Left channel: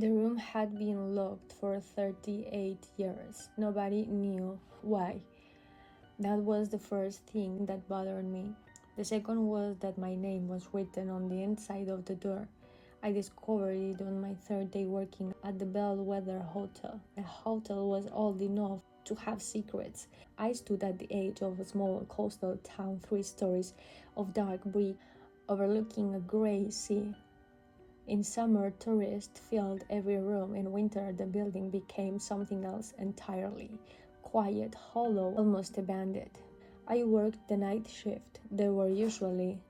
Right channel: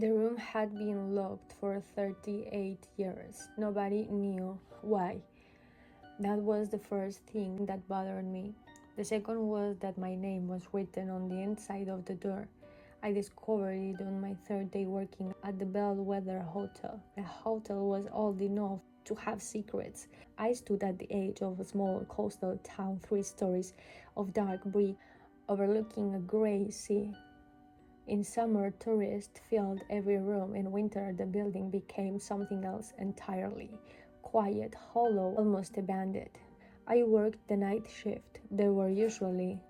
The room had been locked for 38 years. Nobody knew why. That was the first thing that bothered me. The second was that my name was written on the inside of the door. I discovered it on my third day working at the Bellwether Hotel. The hotel was old enough to have secrets. I stood at the edge of a small coastal town, 3 stories of dark brick overlooking a gray sea. In summer, tourists filled every room. In winter, the building became something else entirely. Quiet, hollow, almost abandoned. I worked the night shift. There were usually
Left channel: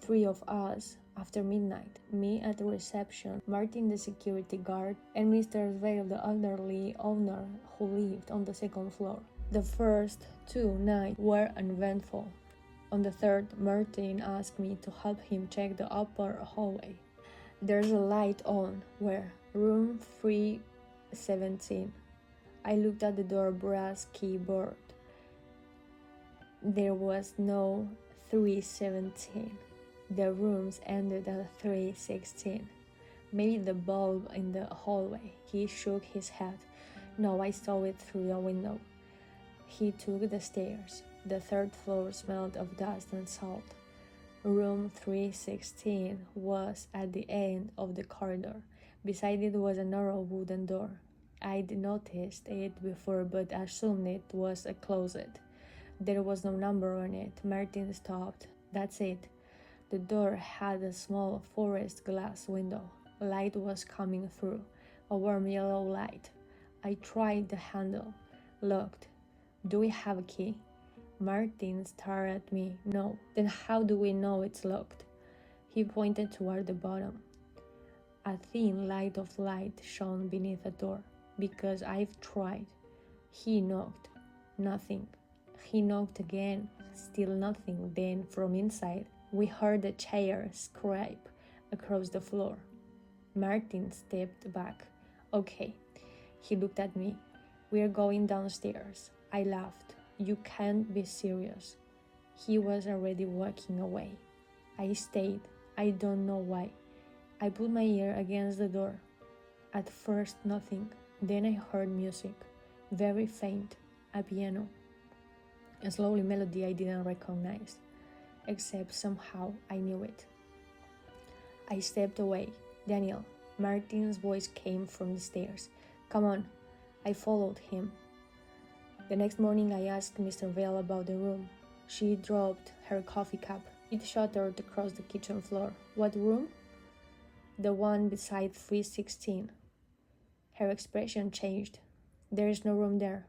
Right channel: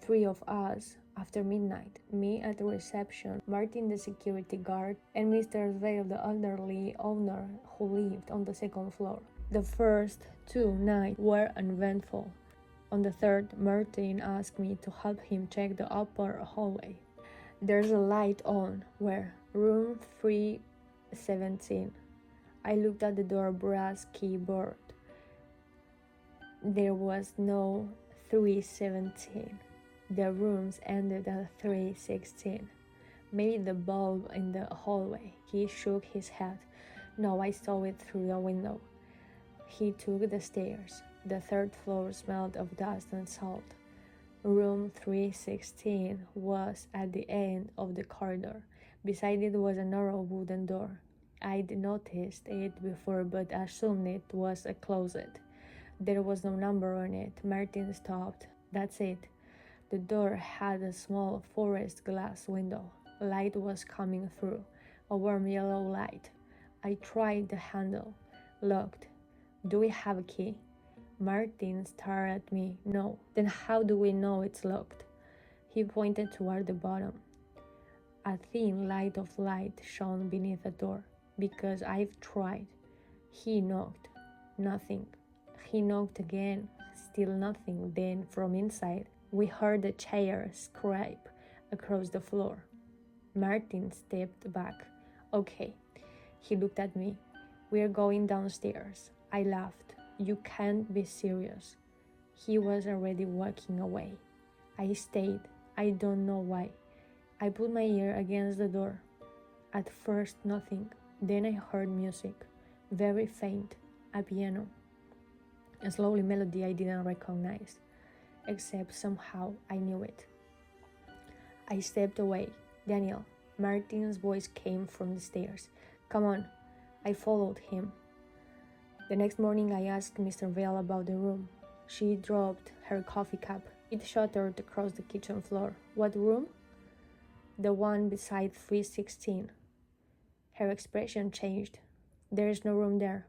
3 of us after midnight. Me at the reception, Martin the security guard, and Mr. Vale the elderly owner who lived on the second floor. The first 2 nights were uneventful. On the third, Martin asked me to help him check the upper hallway. There's a light on. Where? Room 317. I looked at the door brass keyboard. There was no 317. The rooms ended at 316. Maybe the bulb in the hallway. He shook his head. No, I saw it through the window. He took the stairs. The 3rd floor smelled of dust and salt. Room 316 was at the end of the corridor. Beside it was a narrow wooden door. I'd noticed it before but assumed it was a closet. There was no number on it. Martin stopped. That's it. The door had a small forest glass window. Light was coming through, a warm yellow light. I tried the handle. Locked. Do we have a key? Martin stared at me. No. Then how do we know it's locked? He pointed toward the bottom. A thin light of light shone beneath the door. Because I've tried. He knocked. Nothing. He knocked again. Still nothing. Then from inside, we heard a chair scrape across the floor. Martin stepped back. Okay. He looked at me. We're going downstairs. I laughed. You can't be serious. He was already walking away. I stayed. I don't know why. I put my ear against the door. At first nothing. Then I heard music. Very faint. A piano. A slowly melody I didn't recognize. Except somehow I knew it. I stepped away. Daniel. Martin's voice came from the stairs. Come on. I followed him. The next morning I asked Mr. Vale about the room. She dropped her coffee cup. It shattered across the kitchen floor. What room? The one beside 316. Her expression changed. There is no room there.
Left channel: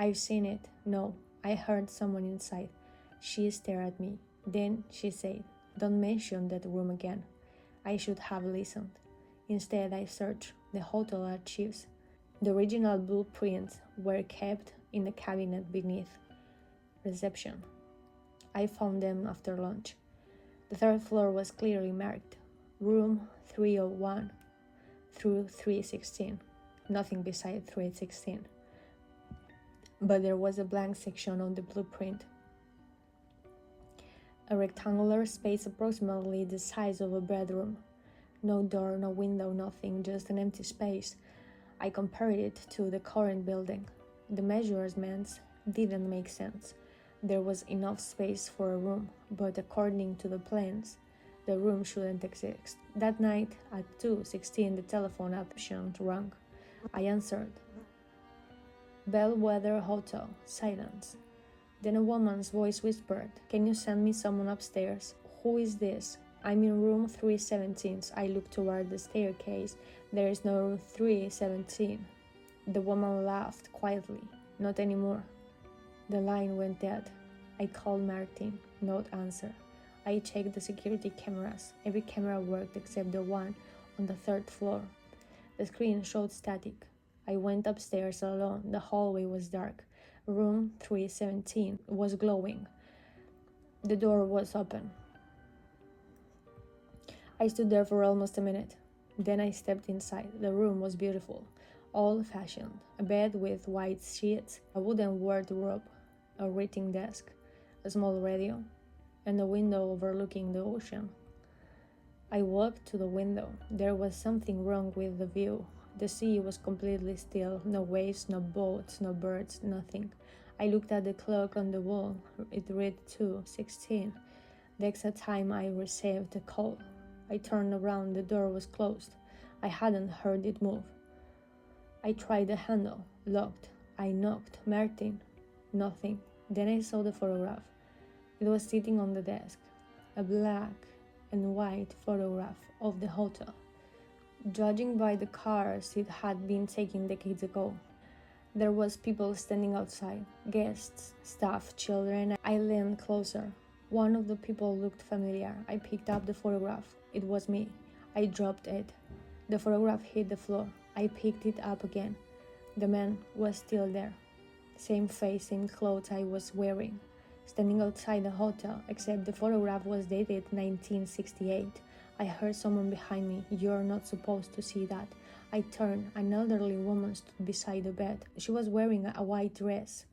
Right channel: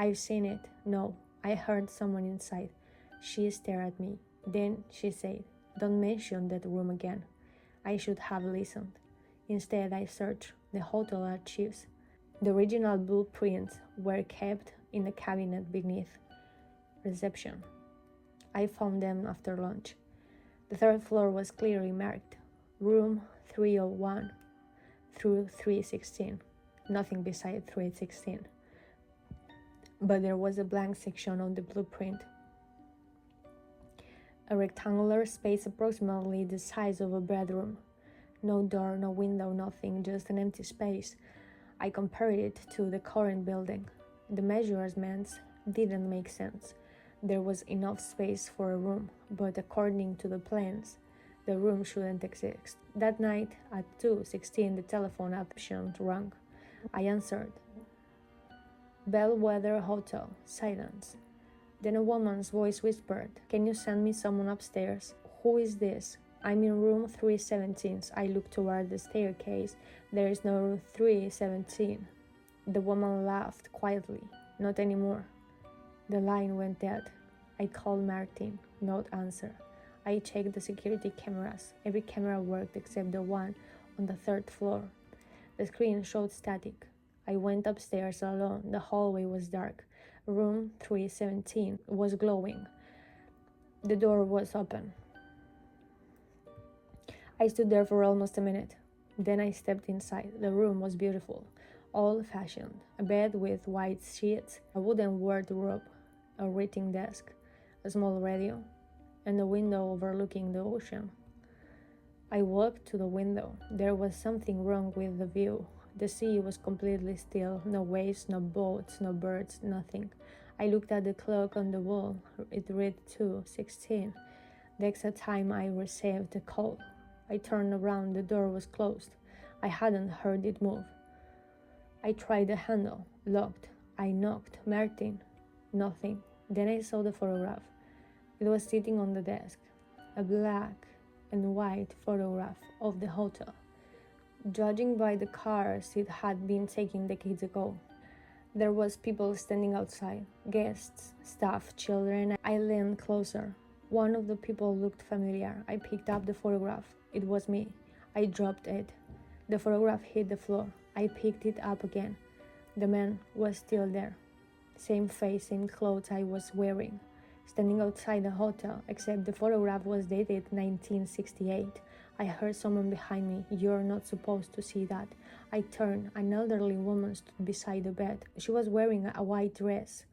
I've seen it. No, I heard someone inside. She stared at me. Then she said, don't mention that room again. I should have listened. Instead, I searched the hotel archives. The original blueprints were kept in a cabinet beneath reception. I found them after lunch. The 3rd floor was clearly marked. Room 301 through 316. Nothing beside 316. But there was a blank section on the blueprint. A rectangular space approximately the size of a bedroom. No door, no window, nothing, just an empty space. I compared it to the current building. The measurements didn't make sense. There was enough space for a room, but according to the plans, the room shouldn't exist. That night at 2:16, the telephone option rang. I answered. Bellwether Hotel. Silence. Then a woman's voice whispered, Can you send me someone upstairs? Who is this? I'm in room 317. I looked toward the staircase. There is no room 317. The woman laughed quietly. Not anymore. The line went dead. I called Martin. No answer. I checked the security cameras. Every camera worked except the one on the 3rd floor. The screen showed static. I went upstairs alone. The hallway was dark. Room 317 was glowing. The door was open. I stood there for almost a minute. Then I stepped inside. The room was beautiful, old-fashioned. A bed with white sheets, a wooden wardrobe, a writing desk, a small radio, and a window overlooking the ocean. I walked to the window. There was something wrong with the view. The sea was completely still, no waves, no boats, no birds, nothing. I looked at the clock on the wall. It read 2:16, the exact time I received the call. I turned around, the door was closed. I hadn't heard it move. I tried the handle, locked. I knocked, Martin, nothing. Then I saw the photograph. It was sitting on the desk, a black and white photograph of the hotel. Judging by the cars it had been taken decades ago, there was people standing outside, guests, staff, children. I leaned closer. One of the people looked familiar. I picked up the photograph. It was me. I dropped it. The photograph hit the floor. I picked it up again. The man was still there. Same face, same clothes I was wearing. Standing outside the hotel, except the photograph was dated 1968. I heard someone behind me. You're not supposed to see that. I turned. An elderly woman stood beside the bed. She was wearing a white dress.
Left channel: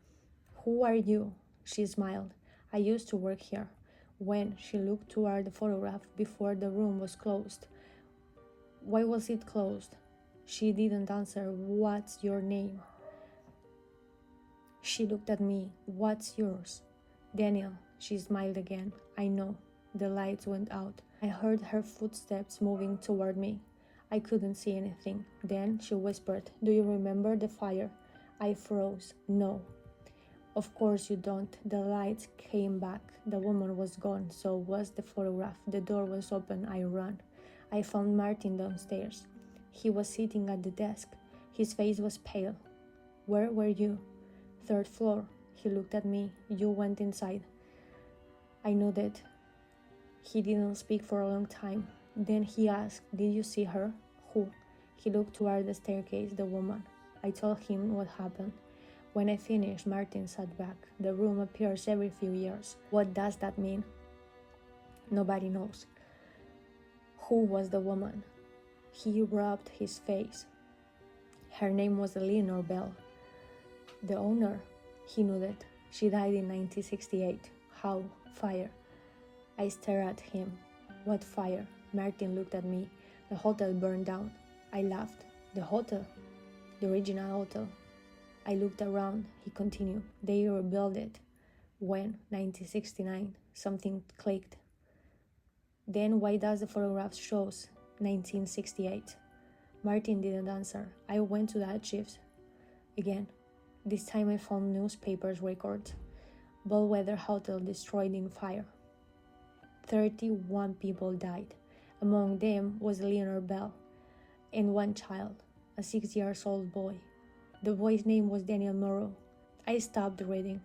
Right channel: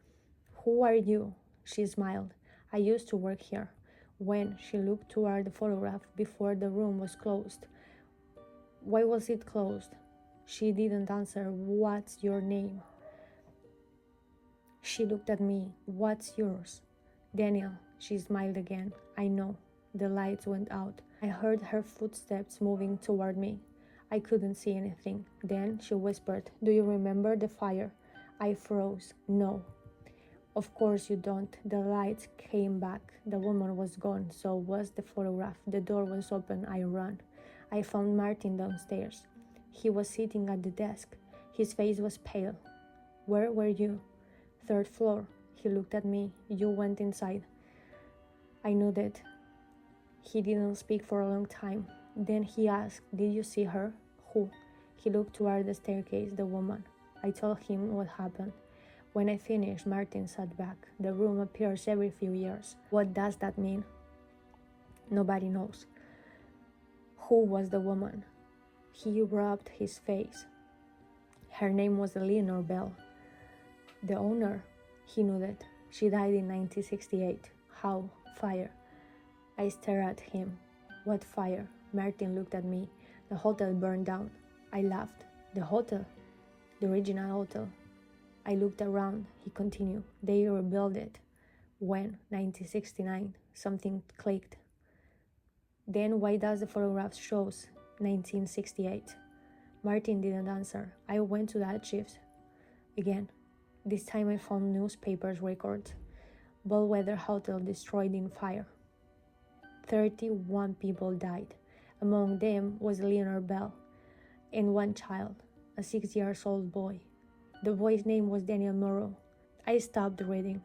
Who are you? She smiled. I used to work here. When she looked toward the photograph before the room was closed. Why was it closed? She didn't answer. What's your name? She looked at me. What's yours? Daniel. She smiled again. I know. The lights went out. I heard her footsteps moving toward me. I couldn't see anything. Then she whispered, Do you remember the fire? I froze. No. Of course you don't. The lights came back. The woman was gone. So was the photograph. The door was open. I ran. I found Martin downstairs. He was sitting at the desk. His face was pale. Where were you? Third floor. He looked at me. You went inside. I nodded. He didn't speak for a long time. Then he asked, Did you see her? Who? He looked toward the staircase, the woman. I told him what happened. When I finished, Martin sat back. The room appears every few years. What does that mean? Nobody knows. Who was the woman? He rubbed his face. Her name was Eleanor Bell. The owner? He nodded. She died in 1968. How? Fire. I stared at him. What fire? Martin looked at me. The hotel burned down. I laughed. The hotel? The original hotel. I looked around. He continued. They rebuilt it. When? 1969. Something clicked. Then why does the photograph shows 1968? Martin didn't answer. I went to the archives again. This time I found newspapers records. Bellwether Hotel destroyed in fire. 31 people died. Among them was Eleanor Bell and one child, a 6-year-old boy. The boy's name was Daniel Morrow. I stopped reading.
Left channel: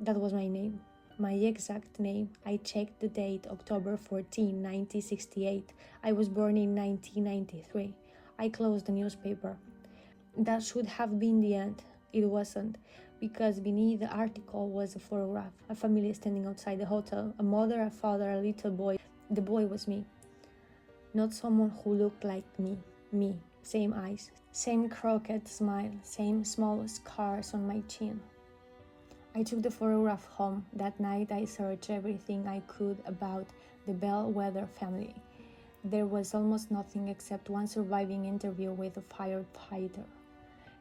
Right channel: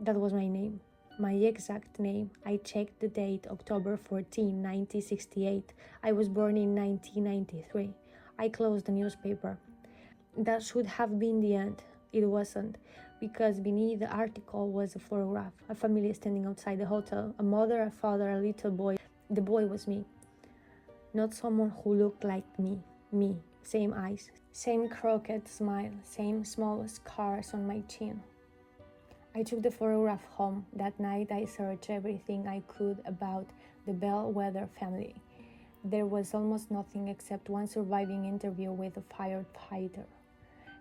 That was my name. My exact name. I checked the date, October 14, 1968. I was born in 1993. I closed the newspaper. That should have been the end. It wasn't, because beneath the article was a photograph, a family standing outside the hotel, a mother, a father, a little boy. The boy was me. Not someone who looked like me. Me. Same eyes, same crooked smile, same small scars on my chin. I took the photograph home. That night I searched everything I could about the Bellwether family. There was almost nothing except one surviving interview with a firefighter.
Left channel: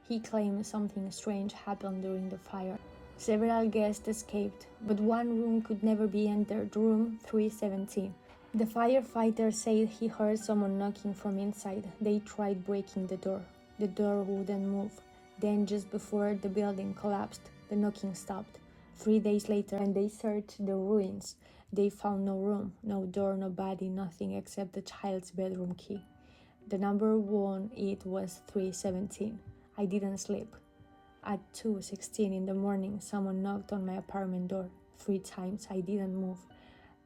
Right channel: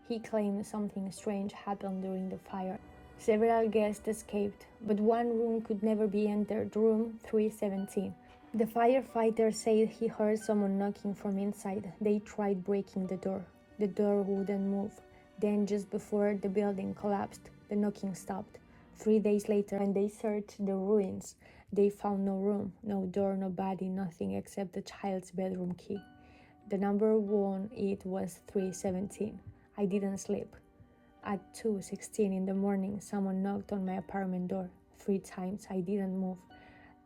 He claimed something strange happened during the fire. Several guests escaped, but one room could never be entered, room 317. The firefighter said he heard someone knocking from inside. They tried breaking the door. The door wouldn't move. Then, just before the building collapsed, the knocking stopped. 3 days later, when they searched the ruins, they found no room, no door, no body, nothing except the child's bedroom key. The number on it was 317. I didn't sleep. At 2:16 in the morning, someone knocked on my apartment door. 3 times. I didn't move.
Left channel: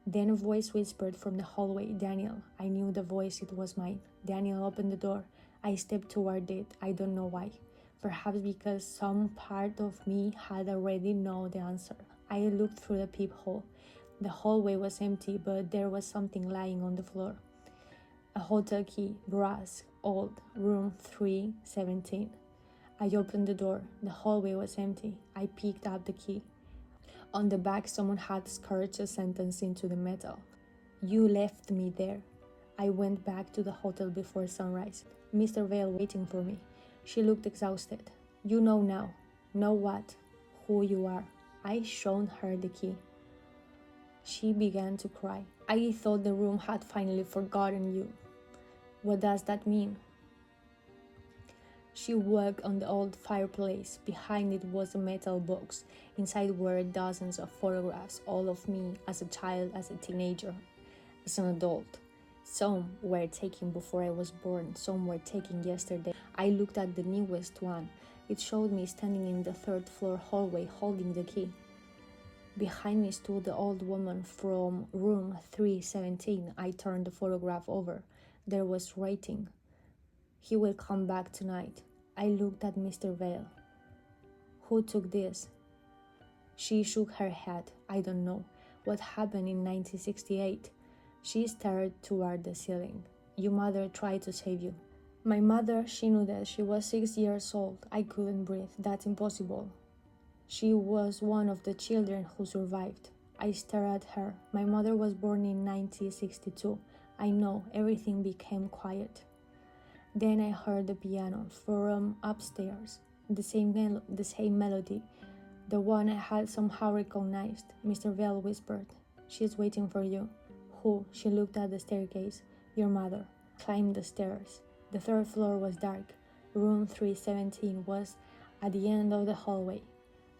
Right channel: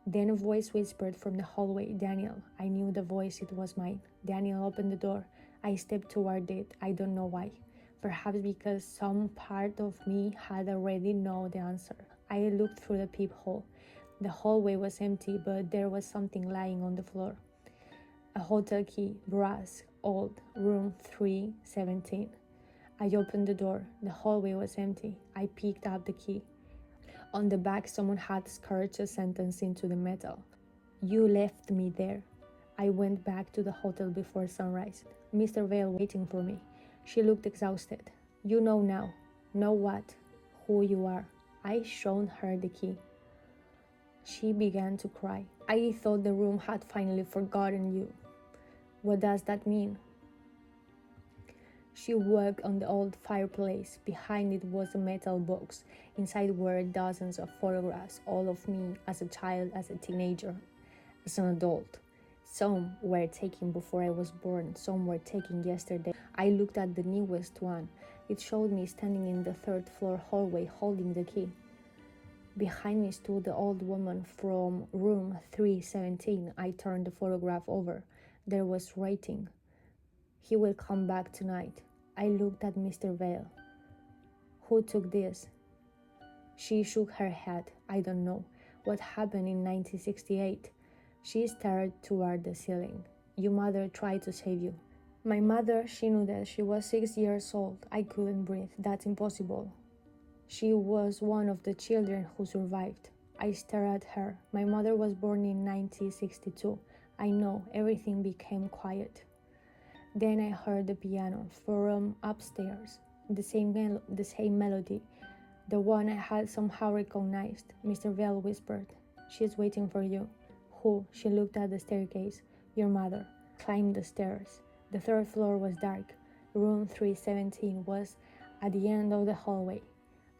Then a voice whispered from the hallway, Daniel. I knew the voice, it was mine. Daniel opened the door. I stepped toward it. I don't know why. Perhaps because some part of me had already known the answer. I looked through the peephole. The hallway was empty, but there was something lying on the floor. A hotel key, brass, old, room 317. I opened the door. The hallway was empty. I picked up the key. On the back, someone had scratched a sentence into the metal. You left me there. I went back to the hotel before sunrise. Mr. Vale waiting for me. She looked exhausted. You know now. Know what? Who you are. I shown her the key. She began to cry. I thought the room had finally forgotten you. What does that mean? She walked on the old fireplace. Behind it was a metal box. Inside were dozens of photographs, all of me as a child, as a teenager, as an adult. Some were taken before I was born, some were taken yesterday. I looked at the newest one. It showed me standing in the third floor hallway holding the key. Behind me stood the old woman from room 317. I turned the photograph over. There was writing. He will come back tonight. I looked at Mr. Vale. Who took this? She shook her head. I don't know. What happened in 1968? She stared toward the ceiling. Your mother tried to save you. My mother, she knew that she was 6 years old. I couldn't breathe. That's impossible. She was one of the children who survived. I stared at her. My mother was born in 1962. I know. Everything became quiet. Then I heard the piano from upstairs. The same melody. The one I had somehow recognized. Mr. Vale whispered, "She's waiting for you." Who? She looked at the staircase. Your mother. Climbed the stairs. The third floor was dark. Room 317 was at the end of the hallway.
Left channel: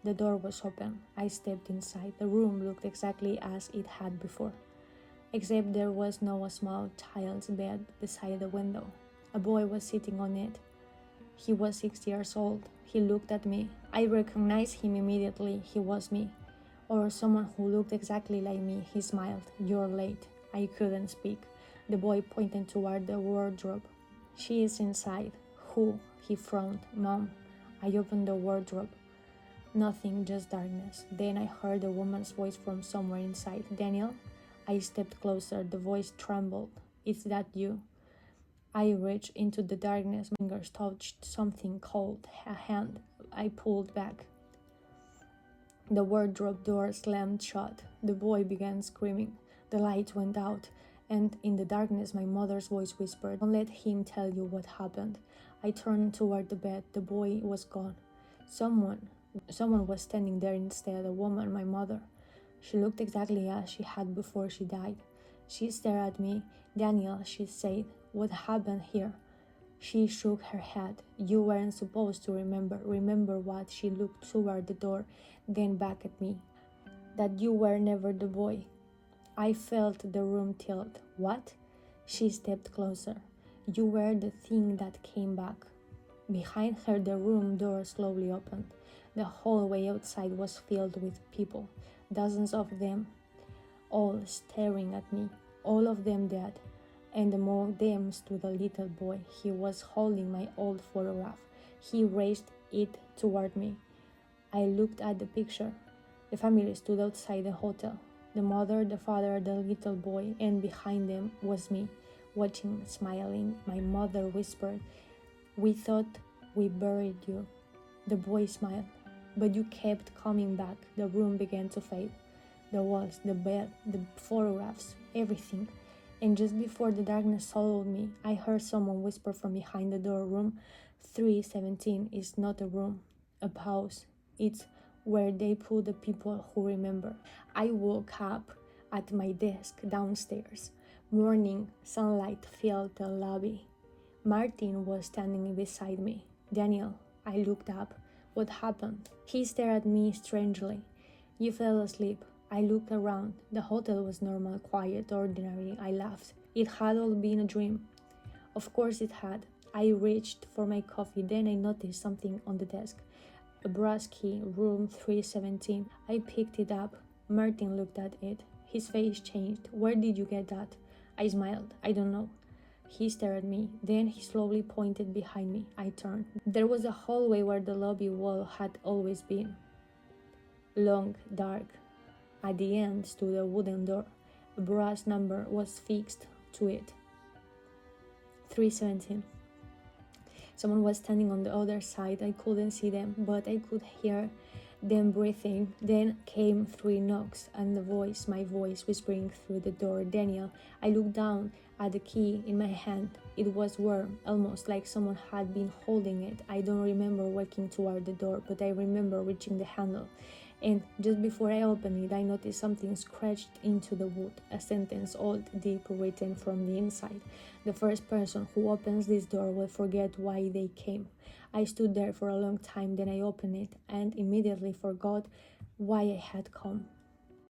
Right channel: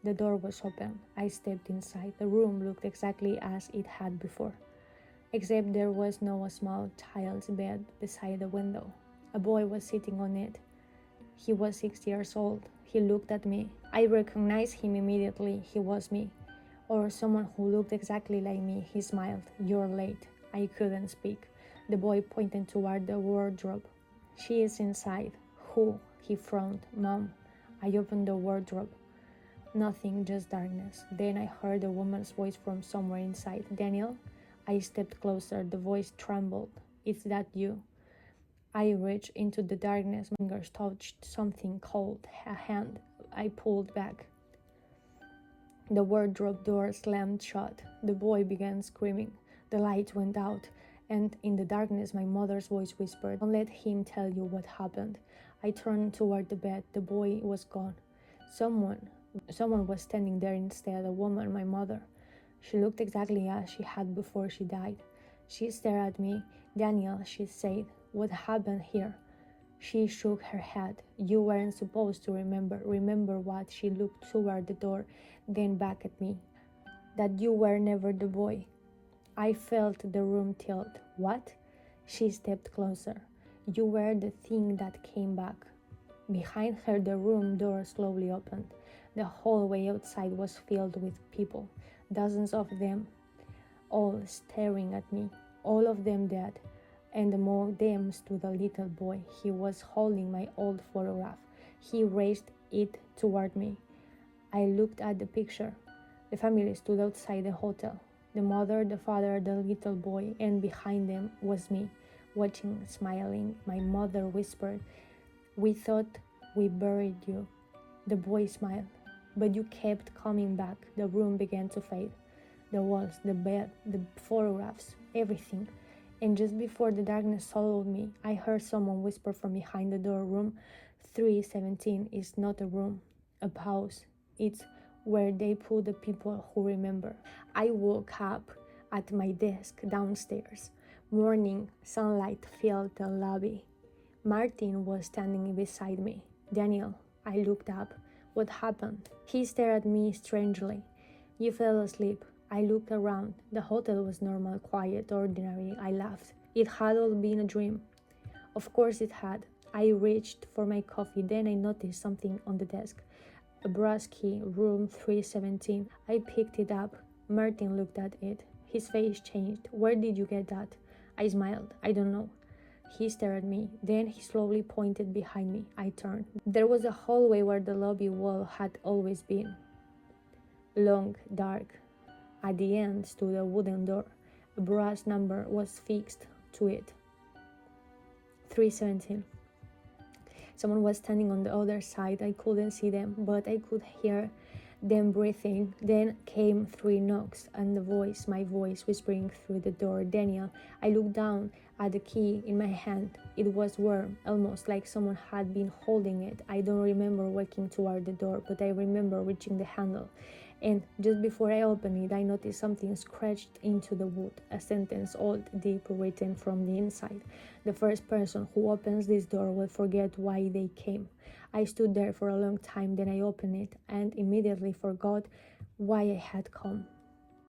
The door was open. I stepped inside. The room looked exactly as it had before, except there was no small child's bed beside the window. A boy was sitting on it. He was 6 years old. He looked at me. I recognized him immediately. He was me, or someone who looked exactly like me. He smiled. You're late. I couldn't speak. The boy pointed toward the wardrobe. She is inside. Who? He frowned. Mom. I opened the wardrobe. Nothing, just darkness. Then I heard a woman's voice from somewhere inside. Daniel? I stepped closer. The voice trembled. Is that you? I reached into the darkness. My fingers touched something cold. A hand. I pulled back. The wardrobe door slammed shut. The boy began screaming. The light went out, and in the darkness my mother's voice whispered, "Don't let him tell you what happened." I turned toward the bed. The boy was gone. Someone was standing there instead, a woman, my mother. She looked exactly as she had before she died. She stared at me. Daniel, she said, what happened here? She shook her head. You weren't supposed to remember. Remember what? She looked toward the door, then back at me. That you were never the boy. I felt the room tilt. What? She stepped closer. You were the thing that came back. Behind her, the room door slowly opened. The hallway outside was filled with people, dozens of them, all staring at me, all of them dead. And among them stood a little boy. He was holding my old photograph. He raised it toward me. I looked at the picture. The family stood outside the hotel. The mother, the father, the little boy, and behind them was me, watching, smiling. My mother whispered, "We thought we buried you." The boy smiled. But you kept coming back. The room began to fade. The walls, the bed, the photographs, everything. And just before the darkness swallowed me, I heard someone whisper from behind the door, "Room 317 is not a room, a house. It's where they put the people who remember." I woke up at my desk downstairs. Morning sunlight filled the lobby. Martin was standing beside me. "Daniel," I looked up. "What happened?" He stared at me strangely. "You fell asleep." I looked around. The hotel was normal, quiet, ordinary. I laughed. It had all been a dream. Of course it had. I reached for my coffee. Then I noticed something on the desk. A brass key, room 317. I picked it up. Martin looked at it. His face changed. "Where did you get that?" I smiled. "I don't know." He stared at me. Then he slowly pointed behind me. I turned. There was a hallway where the lobby wall had always been. Long, dark. At the end stood a wooden door. A brass number was fixed to it. 317. Someone was standing on the other side. I couldn't see them, but I could hear then breathing. Then came 3 knocks, and my voice whispering through the door, "Daniel." I looked down at the key in my hand. It was warm, almost like someone had been holding it. I don't remember walking toward the door, but I remember reaching the handle. And just before I opened it, I noticed something scratched into the wood, a sentence old, deep, written from the inside. "The first person who opens this door will forget why they came." I stood there for a long time, then I opened it and immediately forgot why I had come.